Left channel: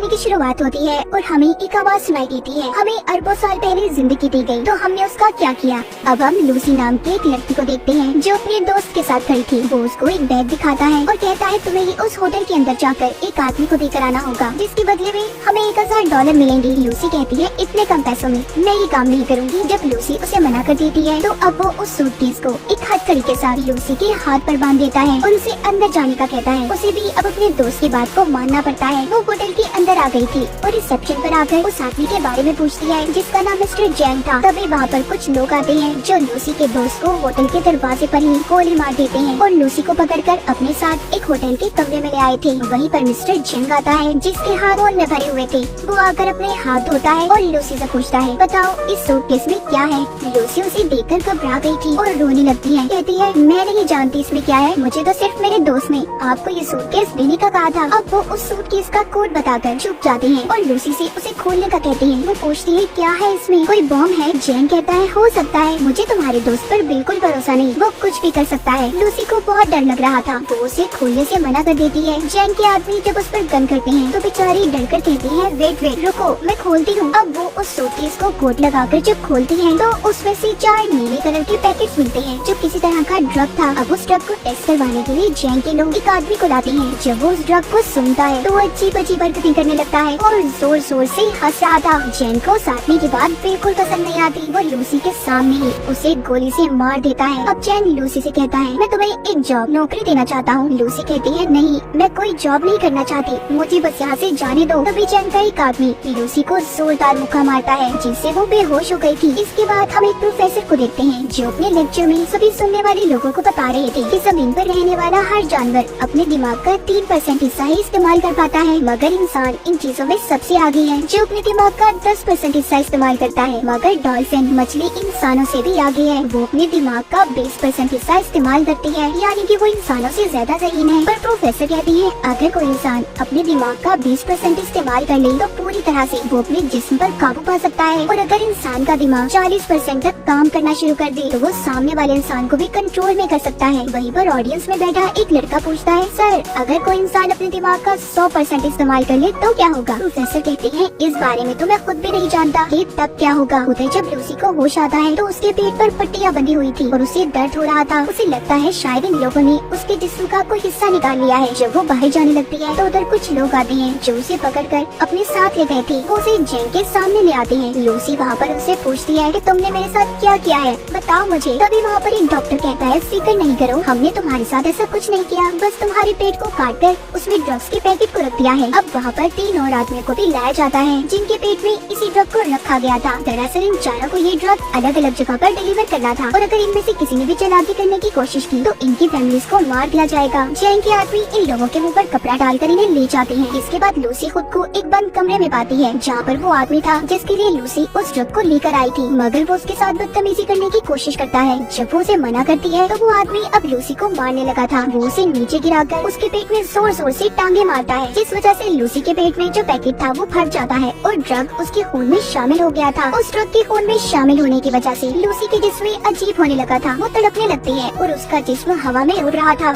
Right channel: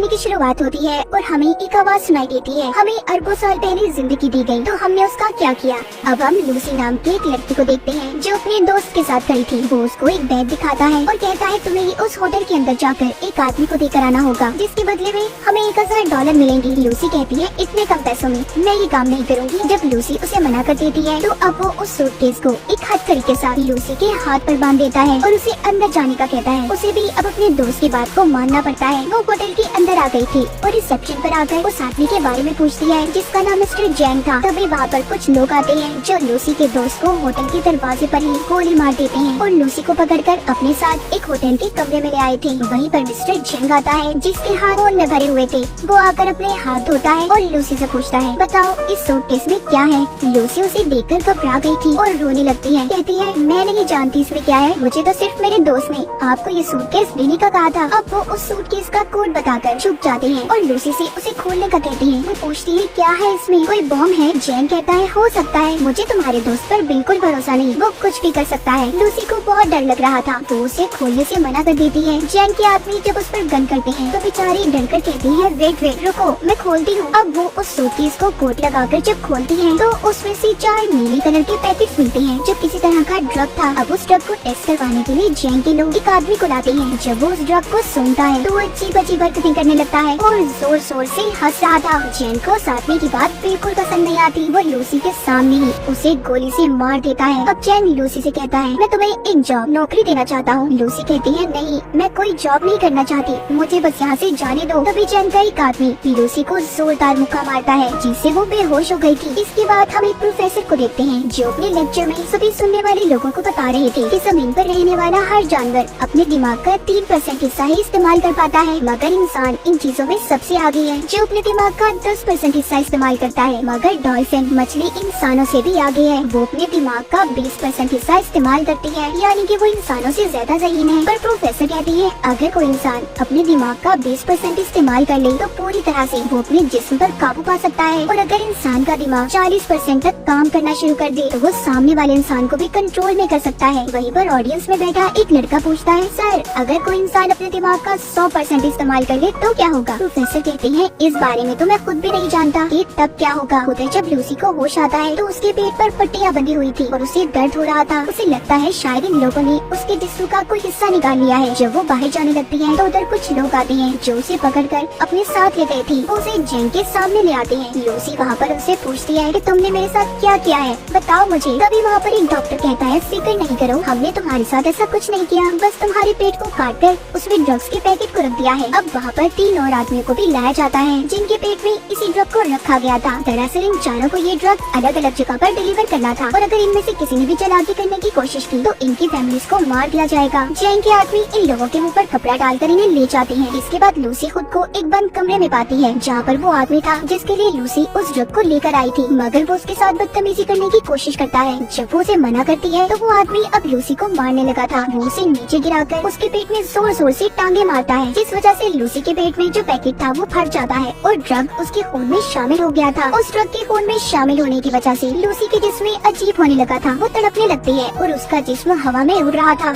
कहानी की शुरुआत होती है और हमें एक आवाज सुनाई देती है। हमें अरबों साल पहले जिंदगी दी गई, तो हमने उसका क्या किया। अब हम लूसी नाम की एक लड़की को देखते हैं जो अपने दोस्त के साथ खड़ी थी। वो उसको एक बैग दिखाता है और कहता है तुम्हें ये उस होटल के अंदर जाकर एक आदमी को देकर आना होगा, जिसके बदले में हमें $1000 मिलेंगे। लूसी कहती है इतने कम पैसों में मैं ये काम नहीं करूँगी। जब लूसी उसे मना कर देती है तो अब वो उस सूटकेस को एक हथकड़ी के साथ लूसी के हाथ पर बांध देता है और उसे अंदर जाने का कहता है। उसे भी अब अपने दोस्त की बात को मानना पड़ता है। वो होटल के अंदर आ गई थी और रिसेप्शन पर आकर उस आदमी के बारे में पूछती है जिसका नाम मिस्टर जैन था। तभी वहाँ पर कुछ लोग आते हैं जो लूसी के दोस्त को होटल के दरवाजे पर ही गोली मार देते हैं और लूसी को पकड़कर अपने साथ एक होटल के कमरे में ले आए थे। वहीं पर मिस्टर जैन आता है जिसके हाथ खून में भरे हुए थे। वो आकर अपने हाथ धोता है और लूसी से पूछता है बताओ इस सूटकेस में क्या है। लूसी उसे देखकर घबरा गई थी और रोने लगती है। कहती है मैं नहीं जानती इसमें क्या है, मुझे तो सिर्फ मेरे दोस्त ने आपको ये सूटकेस देने का कहा था। अब वो उस सूटकेस का कोड बताकर छुप जाते हैं और लूसी से उसे खोलने का कहती है। वो पूछती है क्या है इसमें, कोई बॉम्ब है। जैन कहता है हो सकता है, मुझे तुम्हारे दोस्त पर बिल्कुल भरोसा नहीं, वो कुछ भी कर सकता है। लूसी को बहुत डर लग रहा था, वो उसे खोलने से मना कर देती है। जैन के आदमी जब उस पर गन करते हैं तो बेचारी डर कर कहती है वेट रुको मैं खोलती हूँ। अब वो उस सूटकेस को कोट लगाकर जब खोलती है तो उसमें से 4 नीले कलर के पैकेट खुलते हैं जो किसी तरह का ड्रग था। अब उस ड्रग को टेस्ट करवाने के लिए जैन के लोग एक आदमी को लाते हैं। जब वो उस ड्रग को सुनता है तो वो अजीब हरकतें करने लगता है और जोर जोर से हंस रहा था। जैन को साथने की बात बिल्कुल पसंद नहीं आती। वो लूसी के सामने ही उसे गोली से मार देता है। अब जैन लूसी से कहता है मैं तुम्हें एक जॉब नौकरी देना चाहता हूँ। लूसी कहती है नहीं मैं कोई जॉब नहीं करना चाहती, मुझे बस यहाँ से जाने दो। तभी जैन का एक आदमी लूसी को जोरदार मुक्का मारता है जिससे वो बेहोश हो गई थी। इसके बाद हम एक प्रोफेसर को देखते हैं जो अपने लेक्चर में सभी सुनने वाले लोगों को बता रहे थे कि जमीन पर रहने वाला हर जानवर अपने दिमाग का 3% हिस्सा ही इस्तेमाल कर पाता है, मगर इंसान इन चीजों में सबसे आगे है जो अपने दिमाग का 10% हिस्सा इस्तेमाल करता है। मगर डॉल्फिन मछली इंसानों से भी आगे है, वो अपने दिमाग का 20% हिस्सा इस्तेमाल करती है, यानी कि वो इंसानों से ज्यादा ज़हीन है। पर प्रोफेसर कहती है अगर कोई इंसान अपने दिमाग का 20% इस्तेमाल कर ले तो पूरी तरह से वो अपने जिस्म पर काबू पा सकता है। और अगर इंसान का दिमाग 40% तक काम करना शुरू कर दे तो वो सामने वाले इंसान को भी कंट्रोल में कर सकता है। वहीं पर ऑडियंस में बैठा एक लड़का पूछता है सर अगर कोई इंसान अपने दिमाग का 100% इस्तेमाल कर ले तो क्या होगा। प्रोफेसर कहते हैं इस बारे में तो मैं खुद भी नहीं जानता कि तब क्या होगा। उधर जब लूसी को होश आता है तो उसके पेट पर पट्टियां बंधी हुई थी और उसे दर्द हो रहा था। उसे लगता है शायद इन लोगों ने उसके जिस्म का कोई हिस्सा निकाल लिया है। जब वो बाहर जाने लगती है तो उधर कुछ लोग आते हैं जो उसे पकड़कर अपने साथ ले गए थे। उसे जैन के सामने ले आते हैं। लूसी वहाँ पर उनसे पूछती है कि तुमने मेरे साथ क्या किया है बताओ मुझे। तभी वहाँ पर एक डॉक्टर कहता है फिक्र नहीं करो, हमने तुम्हारे साथ ऐसा कुछ नहीं किया, बस तुम्हारे पेट को काट कर उसमें ड्रग्स के पैकेट को रख दिया है। अब वहाँ पर 3 और आदमियों को भी लाया जाता है जिनके पेट में इसी ड्रग को रखा गया था। दरअसल इन चारों को ये ड्रग अलग अलग जगह पर डिलीवर करना था और अगर इनमें से किसी ने भी चालाकी करने की कोशिश की तो इनकी फैमिलीज को मार दिया जाएगा। जैन के आदमी इन लोगों के मुँह पर कपड़ा डालकर इन्हें ले जाते हैं। इसके बाद लूसी खुद को एक बंद कमरे में पाती है जहाँ पर वो आदमी था जिसके लिए लूसी उस ड्रग को लेकर आई थी, मगर वो उसके साथ बदतमीजी करने की कोशिश करता है। जब वो उसे मना करती है तो वो आदमी अब लूसी को मारने लगा था। वो उसे नीचे गिराकर उसके पेट में जोर जोर से टांगे मारता है, जिस वजह से लूसी के पेट में जो पैकेट था वो फट जाता है और ड्रग उसके खून में शामिल हो गया था। उस ड्रग के खून में शामिल होने की वजह से लूसी के जिस्म में अजीब होने लगा था। वो तड़पने लगती है और उसका जिस्म हवा में उड़ रहा था।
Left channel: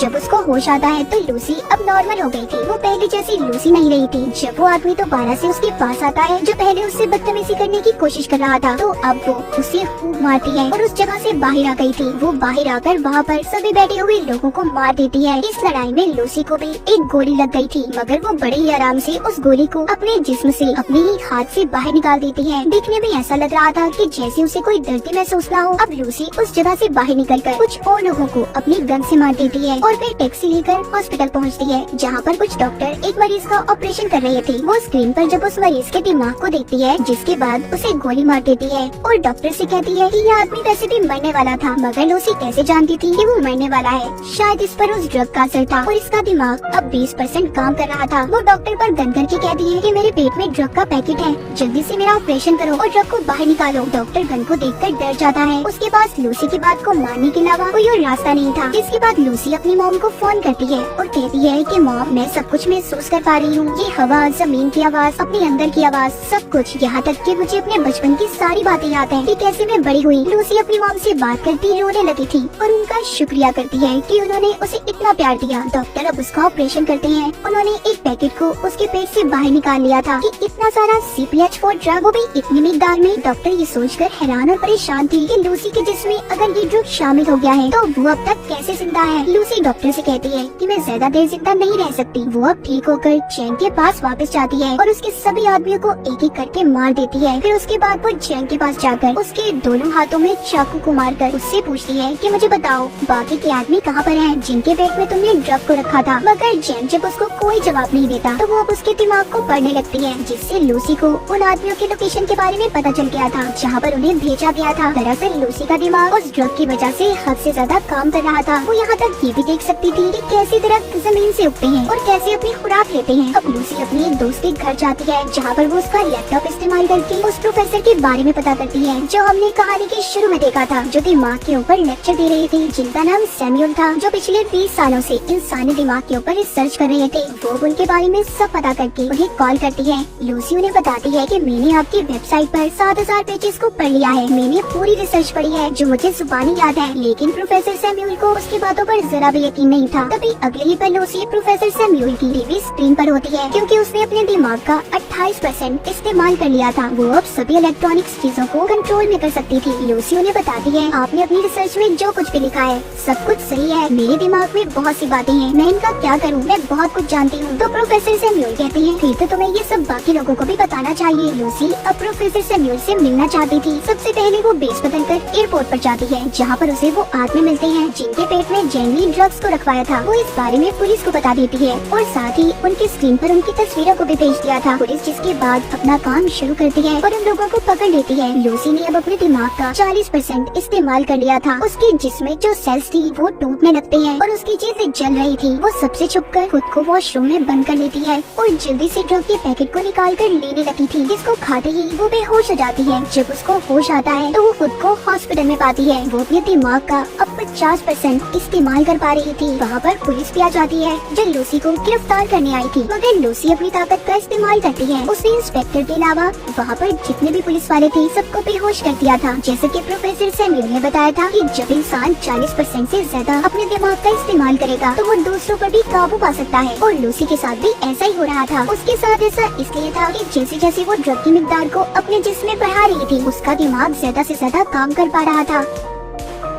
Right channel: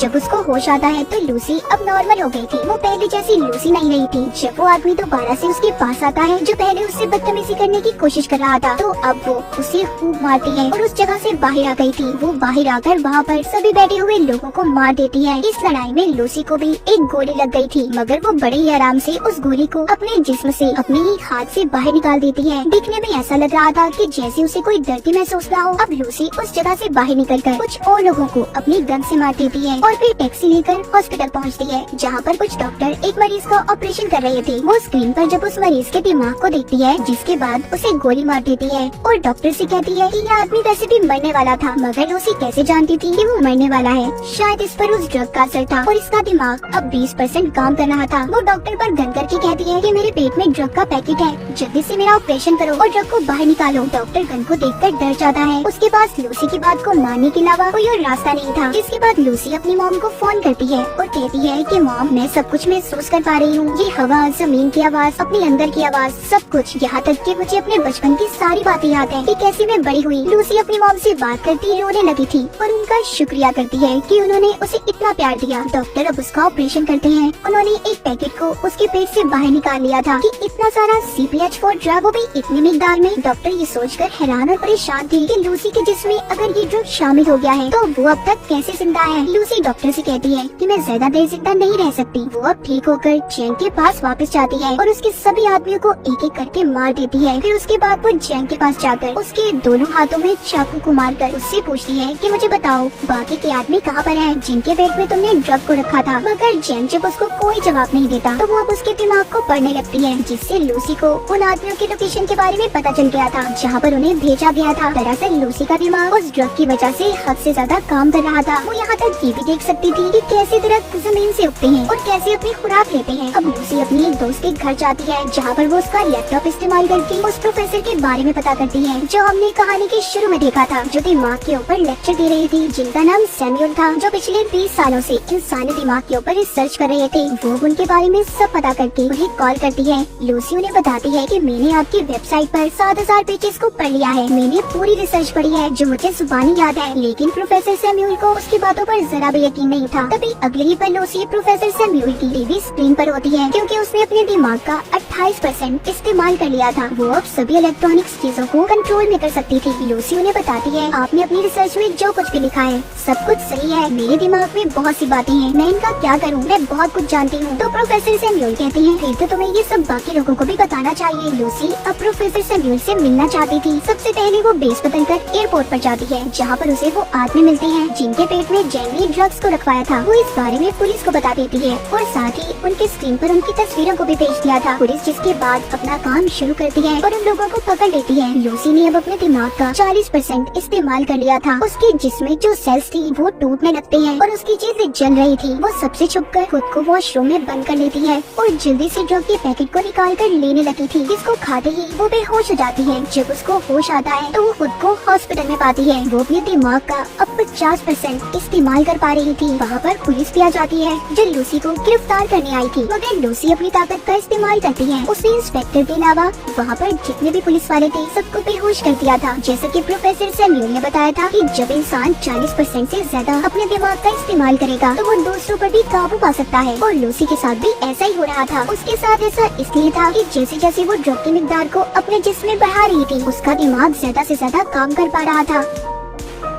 जब उसको होश आता है तो लूसी अब नॉर्मल हो गई थी। वो पहले जैसी लूसी नहीं रही थी। जब वो आदमी दोबारा से उसके पास आता है जो पहले उससे बदतमीजी करने की कोशिश कर रहा था तो अब वो उसे खूब मारती है और उस जगह से बाहर आ गई थी। वो बाहर आकर वहाँ पर सभी बैठे हुए लोगों को मार देती है। इस लड़ाई में लूसी को भी एक गोली लग गई थी, मगर वो बड़े ही आराम से उस गोली को अपने जिस्म से अपने ही हाथ से बाहर निकाल देती है। दिखने में ऐसा लग रहा था कि जैसे उसे कोई डरते महसूस ना हो। अब लूसी उस जगह से बाहर निकलकर कुछ और लोगों को अपने गन से मार देती है और फिर टैक्सी लेकर हॉस्पिटल पहुंचती है जहां पर कुछ डॉक्टर एक मरीज का ऑपरेशन कर रहे थे। वो स्क्रीन पर जब उस मरीज के दिमाग को देखती है जिसके बाद उसे गोली मार देती है और डॉक्टर से कहती है कि ये आदमी वैसे भी मरने वाला था, मगर लूसी कैसे जानती थी कि वो मरने वाला है। शायद इस पर उस ड्रग का असर था और इसका दिमाग अब 20% काम कर रहा था। वो डॉक्टर पर गन करके कहती है कि मेरे पेट में ड्रग का पैकेट है, जल्दी से मेरा ऑपरेशन करो और ड्रग को बाहर निकालो। डॉक्टर गन को देखकर डर जाता है। उसके पास लूसी की बात को मानने के अलावा कोई और रास्ता नहीं था। जिसके बाद लूसी अपनी मॉम को फोन करती है और कहती है कि मॉम मैं सब कुछ महसूस कर पा रही हूँ, ये हवा, जमीन की आवाज, अपने अंदर की आवाज, सब कुछ, यहाँ तक कि मुझे अपने बचपन की सारी बातें याद है कि कैसे मैं बड़ी हुई। लूसी अपनी मॉम से बात करती रोने लगी थी और उनका शुक्रिया करती है कि उन्होंने उसे इतना प्यार दिया। डॉक्टर अब उसका ऑपरेशन करते हैं। उन्होंने एक पैकेट को उसके पेट से बाहर निकाल लिया था कि इतना सारा CPH4 ड्रग, वो भी इतनी मिकदार में। डॉक्टर ये सोचकर हैरान और परेशान थी कि लूसी के जिस्म में अगर ये ड्रग शामिल हो गया है तो वो अब तक कैसे जिंदा है। लूसी डॉक्टर से कहती है कि मैं ज्यादा देर जिंदा नहीं रह सकती। वो अब ठीक होकर जैंग के पास वापस जाती है और उसके सभी आदमियों को एक एक करके मार देती है। फिर उसके बाद वो जैंग के पास जाकर उसके दोनों हाथों में चाकू को मारकर उससे पूछती है कि मुझे बताओ बाकी के आदमी कहाँ पर हैं जिनके पेट में तुमने ड्रग को रखा था। मगर जैंग जब उसको कोई जवाब नहीं देता तो वो अब उसके दिमाग को पढ़ने लगती है, जिससे लूसी को उन आदमियों की लोकेशन के बारे में पता चल गया था जहाँ पर उन्हें भेजा गया था। दरअसल लूसी का दिमाग उस ड्रग की वजह से हद से ज्यादा काम कर रहा था। वो यहाँ तक ये भी देख सकती थी कि कैसे दरख्त जमीन से उगते हैं और कैसे अपनी खुराक लेते हैं। अब लूसी अपने एक दोस्त के घर जाती है जहाँ पर वो उसका लैपटॉप इस्तेमाल करके उस प्रोफेसर के बारे में पता करती है जो हमने कहानी के शुरू में देखा था, जो दिमाग के ऊपर लेक्चर दे रही थी, जिनका नाम सैमुअल था, जो पिछले 20 सालों से इंसानी दिमाग के ऊपर रिसर्च कर रहे थे। वो उनके बारे में सब पता करके उन्हें कॉल करती है। लूसी उन्हें बताती है कि मैंने आपकी वेबसाइट पर 7000 पेजेस को पढ़ लिया है, मैंने पूरी रिसर्च पढ़ी है जो मुझे जुबानी याद है। लेकिन प्रोफेसर सैमुअल को उसकी बातों पर जरा भी यकीन नहीं था। तभी अगले ही पल लूसी प्रोफेसर सैमुअल की टीवी स्क्रीन पर होती है क्योंकि उसने अपने दिमाग का 28% इस्तेमाल कर लिया था। वो अब सभी इलेक्ट्रॉनिक्स चीजों को कंट्रोल में कर सकती थी। लूसी उन्हें बताती है आपने अपनी रिसर्च में जो कुछ भी लिखा है सब कुछ सही है, मेरे दिमाग में बहुत सी बातें हैं, मैं इनका क्या करूँ, मैं बहुत कुछ जानती हूँ। तो प्रोफेसर सैमुअल कहती है फिर तो तुम्हें ये सब बाकी लोगों को भी बताना चाहिए। लूसी अब प्रोफेसर सैमुअल से मिलना चाहती थी। सबसे पहले वो बेस बदलकर एयरपोर्ट पर जाती है जहाँ पर उसे वो आदमी मिलते हैं जिनके पेट में जंगली ड्रग्स को रखवाया था। वो इस बारे में पुलिस को बता देती है और साथ ही उनकी स्क्रीन पर उनकी तस्वीरों को भी भेज दिया था। पुलिस जिसके बाद अपना काम शुरू करती है और उन लोगों को पकड़ लेती है। लूसी ने अब अपने दिमाग का 40% इस्तेमाल कर लिया था। उसके जिस्म में जो सेल्स थी वो टूटने लगते हैं और उसकी चीजें जल रही थी। वो सबसे छुपकर खुद को वॉशरूम में बंद कर लेती है और जल्दी से ड्रग के पैकेट को निकाल कर लेने लगी थी। इसको खाते ही वो बेहोश हो जाती है। जब उसको होश आता है तो वो खुद को हॉस्पिटल में पाती है। वो अपने दिमाग का अब 50% इस्तेमाल कर पा रही थी। वहाँ पर पुलिस भी आ जाती है जो लूसी को गिरफ्तार करने आई थी। मगर लूसी अपनी ताकत का इस्तेमाल करती है। उसने इंस्पेक्टर के अलावा वहाँ पर जितने भी पुलिस वाले थे सबको बेहोश कर दिया था। जैसे कि प्रोफेसर सैमुअल ने बताया था कि जब इंसान 40% से ज्यादा अपने दिमाग का इस्तेमाल करेगा तो वो दूसरों पर भी काबू पा सकता है। और लूसी के साथ भी ऐसा ही हो रहा था। उसके साथ ऐसा इसलिए था कि जैसे जैसे वो ड्रग की मिकदार को अपने जिस्म में बढ़ा रही थी उसका दिमाग ज्यादा से ज्यादा काम कर पा रहा था।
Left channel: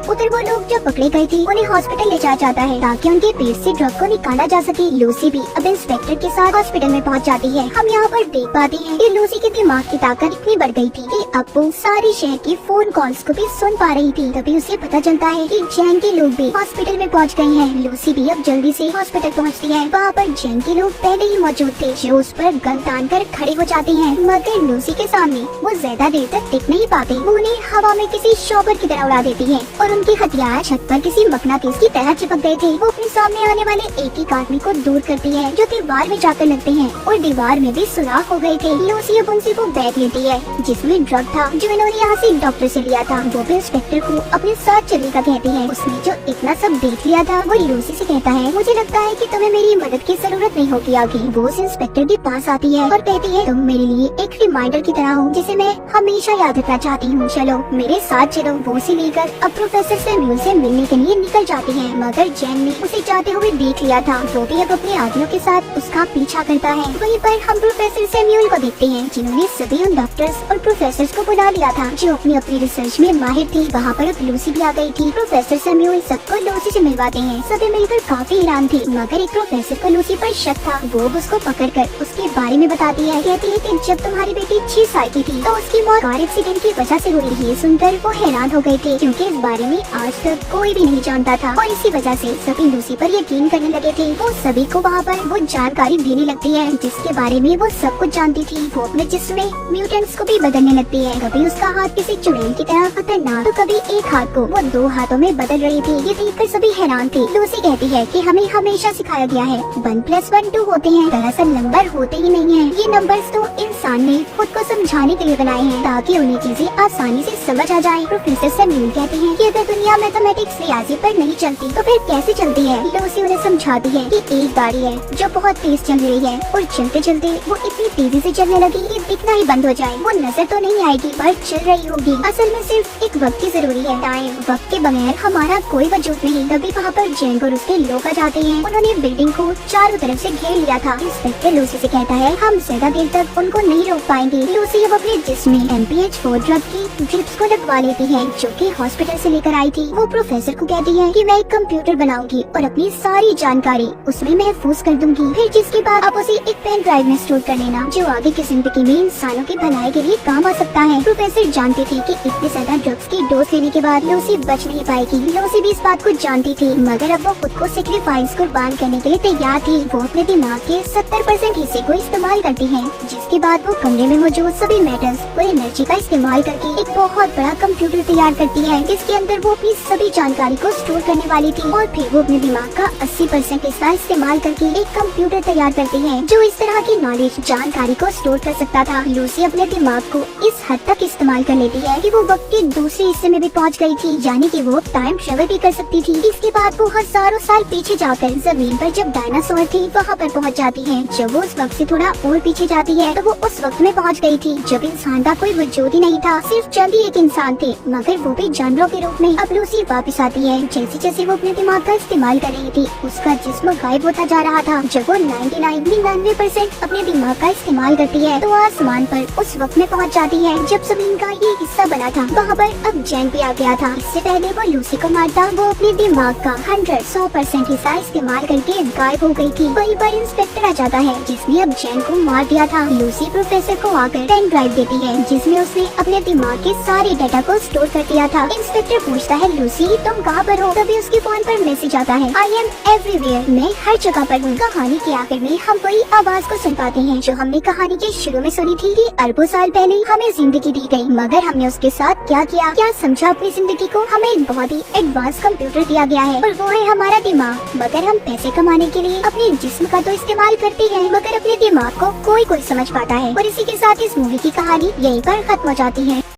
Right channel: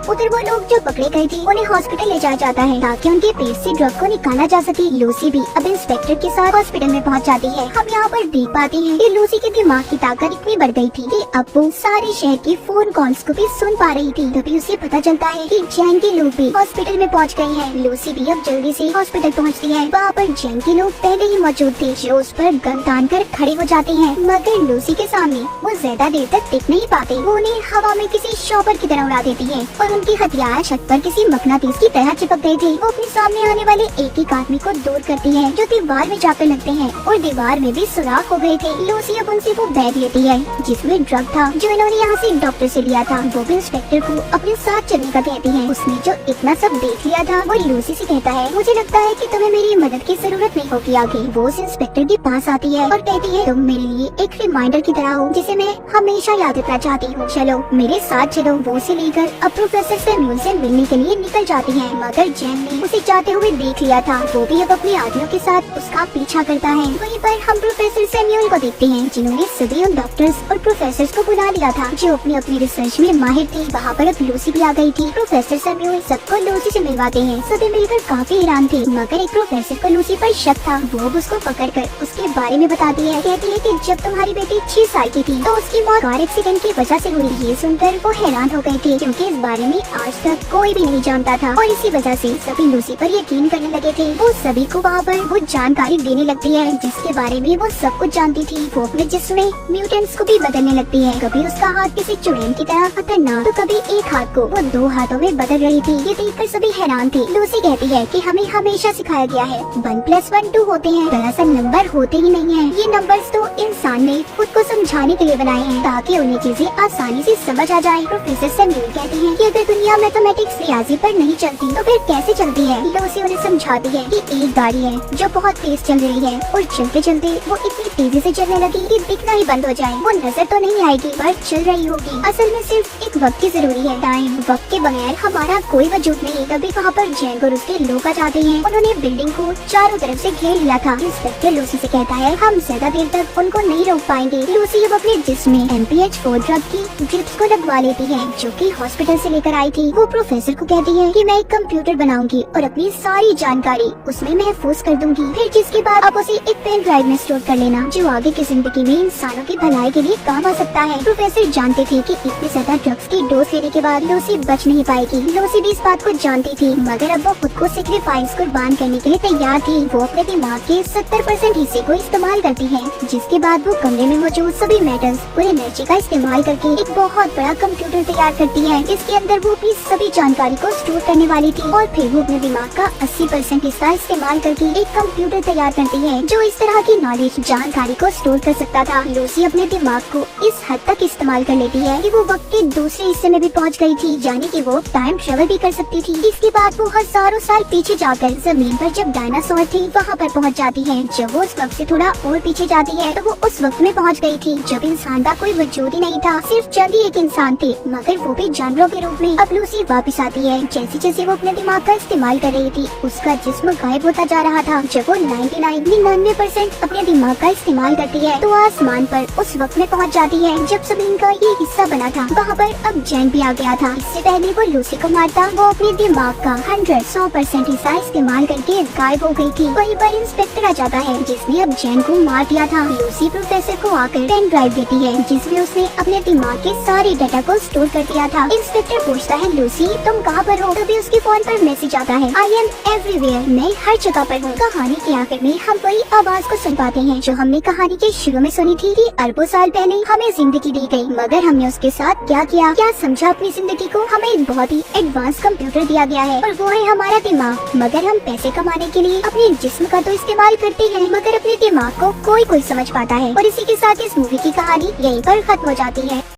उधर वो लोग जो पकड़े गए थे उन्हें हॉस्पिटल ले जाया जाता है ताकि उनके पेट से ड्रग को निकाला जा सके। लूसी भी अब इंस्पेक्टर के साथ हॉस्पिटल में पहुंच जाती है। हम यहाँ पर देख पाते हैं कि लूसी के दिमाग की ताकत इतनी बढ़ गई थी कि अब वो सारे शहर की फोन कॉल्स को भी सुन पा रही थी। तभी उसे पता चलता है कि जैंग के लोग भी हॉस्पिटल में पहुँच गए हैं। लूसी भी अब जल्दी से हॉस्पिटल पहुँचती है। वहाँ पर जैंग के लोग पहले ही मौजूद थे जो उस पर गन तान कर खड़े हो जाते हैं। मगर लूसी के सामने वो ज्यादा देर तक टिक नहीं पाती। वो उन्हें हवा में किसी शॉपर की तरह उड़ा देती है और उनके हथियार छत पर किसी मकनातीस की तरह चिपक गए थे। वो अपने सामने आने वाले एक एक आदमी को दूर करती है जो दीवार में जाकर लगते हैं और दीवार में भी सुराख हो गए थे। लूसी अब उनसे वो बैग लेती है जिसमें ड्रग था जो इन्होंने यहाँ से डॉक्टर से लिया था। वो भी इंस्पेक्टर को अपने साथ चलने का कहती है। उसने जो इतना सब देख लिया था वो लूसी से कहता है मुझे लगता है कि तुम्हें मेरी मदद की जरूरत नहीं होगी आगे। वो उस इंस्पेक्टर के पास आती है और कहती है तुम मेरे लिए एक रिमाइंडर की तरह हो जिसे मैं हमेशा याद रखना चाहती हूँ, चलो मेरे साथ चलो। वो उसे लेकर अब प्रोफेसर सैमुअल से मिलने के लिए निकल जाती है। मगर जैंग ने उसे जाते हुए देख लिया था। वो भी अब अपने आदमियों के साथ उसका पीछा करता है। वहीं पर हम प्रोफेसर सैमुअल को देखते हैं जिन्होंने सभी उन डॉक्टर्स और प्रोफेसर को बुला लिया था जो अपनी रिसर्च में माहिर थी। वहाँ पर अब लूसी भी आ गई थी। प्रोफेसर सैमुअल सबको लूसी से मिलवाते हैं। सभी मिलकर काफी हैरान थे। मगर एक प्रोफेसर को लूसी पर शक था। वो उसको पकड़ कर उसके बारे में बताती है। कहती है कि जब तुम्हारी बेटी 6 साल की थी तो उसकी मौत कार एक्सीडेंट की वजह से हुई। ये सुनकर वो हैरान हो गई थी क्योंकि इस बारे में आज तक कोई भी नहीं जानता था और इसी वजह से सभी लूसी पर यकीन करने लगे थे। वो सभी को वहाँ पर वो जानकारी देने लगती है जिसके बारे में वो सब कुछ जानती थी। वो अपने जिस्म में म्यूटेंट्स को भी बदलने लगती है। कभी उसका हाथ किसी चुड़ैल की तरह खतरनाक तो कभी एक हाथ को वो 2 हाथों में बदल रही थी। ये देखकर सभी हैरान थे। लूसी कहती है कि हमें हमेशा सिखाया गया है 1+1 2 होते हैं। दरअसल नंबर होते ही ही नहीं है। ये नंबर्स तो इंसान ने खुद को समझाने के लिए बनाए हैं ताकि उन्हें चीजें आसानी से समझ आ जाए। प्रोफेसर सैमुअल कहते हैं कि अगर दुनिया मैथमेटिक्स रियाजी पर नहीं चलती तो फिर कैसे चलती है। लूसी उन्हें समझाती है कि एक गाड़ी है जो बहुत तेज चल रही है और चलते चलते वो इतनी तेजी से चलने लगी कि दिखना ही बंद हो जाए। वो नजर तो नहीं आएगी पर चल रही होगी। असल में सिर्फ एक वक्त की जरूरी है। टाइम, वक्त के बगैर हमारा कोई वजूद नहीं। तभी वहाँ पर जैन और उसके लोग आ जाते हैं। उन्होंने बिल्डिंग को चारों तरफ से घेर लिया था। इंस्पेक्टर लूसी से कहता है हम ज्यादा देर तक उनको नहीं रोक पाएंगे। लूसी अब अपने जिस्म में MPH-4 ड्रग की ड्रिप को लगवा लेती है जो कि हॉस्पिटल से लेकर आई थी। वो प्रोफेसर को कहती है कि मैं एक कंप्यूटर बनाऊंगी और अपनी सारी जानकारी उसमें महफूज कर दूंगी। फिर जिसके बाद आप उसे एक पेन ड्राइव में स्टोर कर लेना जो आगे की जिंदगी में इंसानों की भलाई के लिए काम आ सकता है। प्रोफेसर जानते थे कि इतनी ज्यादा ड्रग्स की डोज लेने के बाद लूसी बच नहीं पाएगी। लूसी भी इस बात को जानती थी मगर अब वो खुद को सेक्रीफाइस कुर्बान करने के लिए तैयार थी। वो अपने दिमाग के 70% हिस्से को इस्तेमाल करती है जिसके बाद वो कमरे में मौजूद सभी मेटल्स और एनर्जी का इस्तेमाल करके एक बहुत बड़ा कंप्यूटर तैयार करती है जिसके अंदर वो अपनी सभी जानकारी को स्टोर करने वाली थी। और फिर वो अपने दिमाग का 80% हिस्सा इस्तेमाल करके एक कंप्यूटर तैयार करती है जो इस तरह की नॉलेज जानकारी को स्टोर कर सकता था। लूसी अपने दिमाग को इस हद तक इस्तेमाल कर लेती है कि वो वक्त के दूसरे हिस्से में भी पहुंच गई थी, यानी कि वो टाइम ट्रेवल भी कर सकती थी। इसके बाद वो हजारों साल पीछे जाकर जमीन पर जब डायनासोर थे वहाँ पर पहुँच जाती है। जब वो उस वक्त से थोड़ा और पीछे जाती है तो वो उस वक्त में पहुँच गई थी जब इंसान का कोई वजूद ही नहीं था, सिर्फ चंद ही एक इंसान थे मगर वो भी जानवरों के रूप में। अब लूसी वापस आती है। जैसे जैसे वो अपने दिमाग का इस्तेमाल कर रही थी उसका जिस्म गायब होता जा रहा था। जब वो 99% अपने दिमाग का इस्तेमाल करती है तो आसमान पर उस वक्त में पहुंच जाती है जब जमीन का ये हिस्सा बना था। वहाँ पर अब जैन भी आ गया था। इससे पहले वो लूसी को मारता वो अपने दिमाग का 100% हिस्सा इस्तेमाल करके गायब हो गई थी। वहीं पर इंस्पेक्टर आ जाता है जिसने अब जैन को मार दिया था। लूसी प्रोफेसर को आकर पेन ड्राइव देती है जिसमें उसने अपने दिमाग के सारे डाटा को स्टोर कर दिया था। इंस्पेक्टर पूछता है लूसी तुम कहाँ पर हो? तभी उसके फोन पर मैसेज आता है आई एम एवरीवेयर, मैं हर जगह पर हूँ। कहानी के आखिर में हम वही आवाज को सुन पाते हैं जो हमने कहानी के शुरू में सुनी थी कि अरबों साल पहले हमें जिंदगी दी गई मगर हमने उसके साथ क्या किया, क्या समझा अपनी जिंदगी को। हमें एक बहुत ही एडवांस कंप्यूटर दिया गया है और वो है हमारा दिमाग। मगर हम पैसे कमाने के लिए अपने जिस्म का तो इस्तेमाल करते हैं मगर अपने दिमाग को कोई समझ पाता है। और इसी के साथ इस मूवी की कहानी यहीं पर खत्म हो जाती है।